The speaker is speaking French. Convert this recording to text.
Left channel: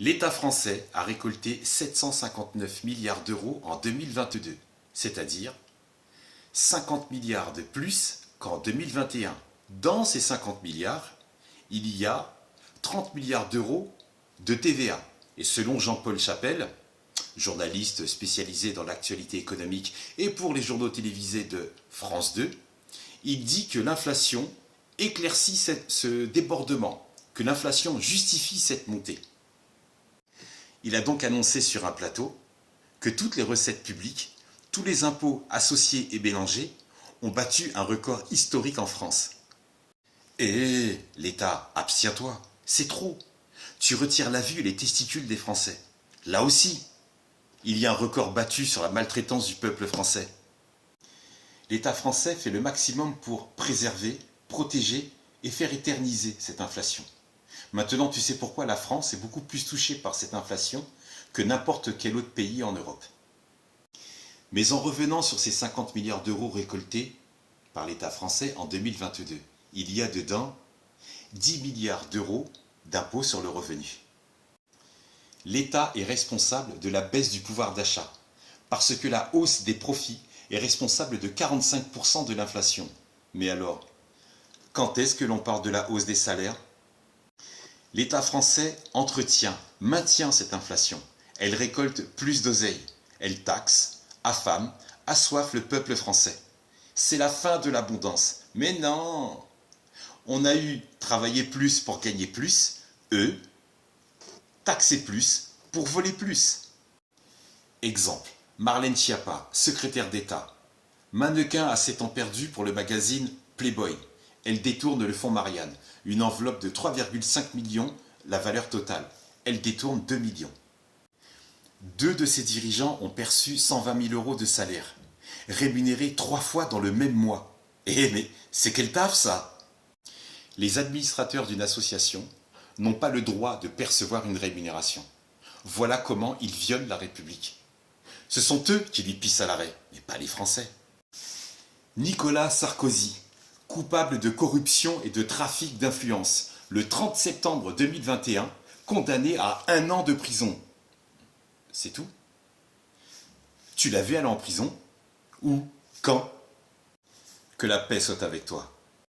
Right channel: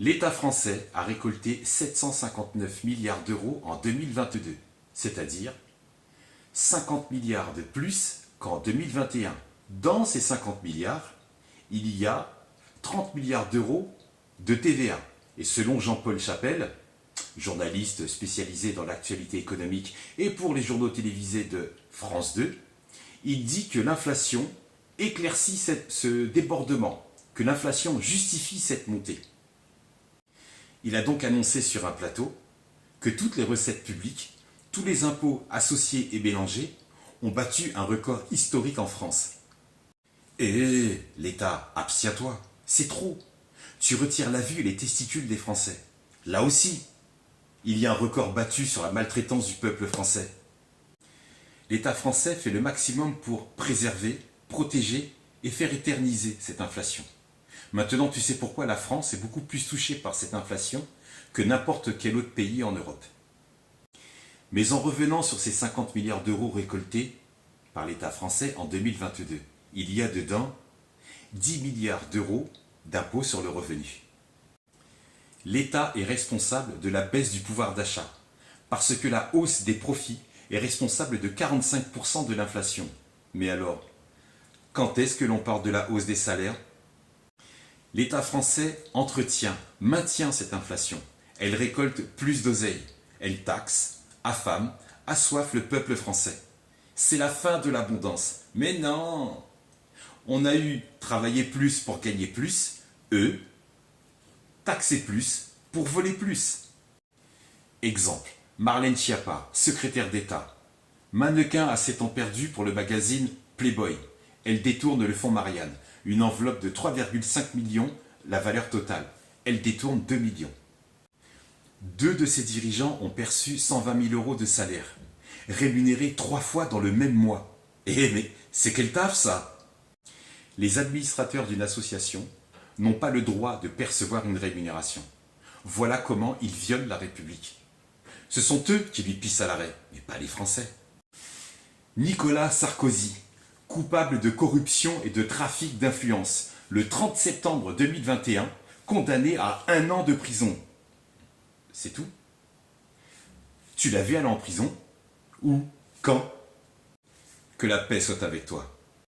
L'État français a récolté 759 milliards d'euros en 2022, c'est-à-dire 50 milliards de plus qu'en 2021. Dans ces 50 milliards, il y a 30 milliards d'euros de TVA. Et selon Jean-Paul Chapelle, journaliste spécialisé dans l'actualité économique et pour les journaux télévisés de France 2, il dit que l'inflation éclaircit ce débordement, que l'inflation justifie cette montée. Il a donc annoncé sur un plateau que toutes les recettes publiques, tous les impôts associés et mélangés ont battu un record historique en France. Et l'État, abstiens-toi, c'est trop. Tu retires la vue et les testicules des Français. Là aussi, il y a un record battu sur la maltraitance du peuple français. L'État français fait le maximum pour préserver, protéger et faire éterniser cette inflation. Maintenant, tu sais pourquoi la France est beaucoup plus touchée par cette inflation que n'importe quel autre pays en Europe. Mais en revenant sur ces 50 milliards d'euros récoltés par l'État français en 2022, il y a dedans 10 milliards d'euros d'impôts sur le revenu. L'État est responsable de la baisse du pouvoir d'achat, parce que la hausse des profits est responsable de 45% de l'inflation. Mais alors, quand est-ce que l'on parle de la hausse des salaires? L'État français maintient cette inflation. Elle récolte plus d'oseille. Elle taxe, affame, assoiffe le peuple français. C'est la fin de l'abondance. Mais non! On a eu travailler plus pour gagner plus, eux, taxer plus pour voler plus. Exemple, Marlène Schiappa, secrétaire d'État. Mannequin à 7 ans perdu pour le magazine Playboy. Elle détourne le fonds Marianne, une enveloppe de 3,5 millions, la valeur totale. Elle détourne 2 millions. Deux de ses dirigeants ont perçu 120 000 euros de salaire, rémunérés 3 fois dans le même mois. Eh mais c'est quel taf ça? Les administrateurs d'une association n'ont pas le droit de percevoir une rémunération. Voilà comment ils violent la République. Ce sont eux qui lui pissent à l'arrêt, mais pas les Français. Nicolas Sarkozy, coupable de corruption et de trafic d'influence, le 30 septembre 2021, condamné à 1 an de prison. C'est tout? Tu l'as vu aller en prison? Où? Quand? Que la paix soit avec toi.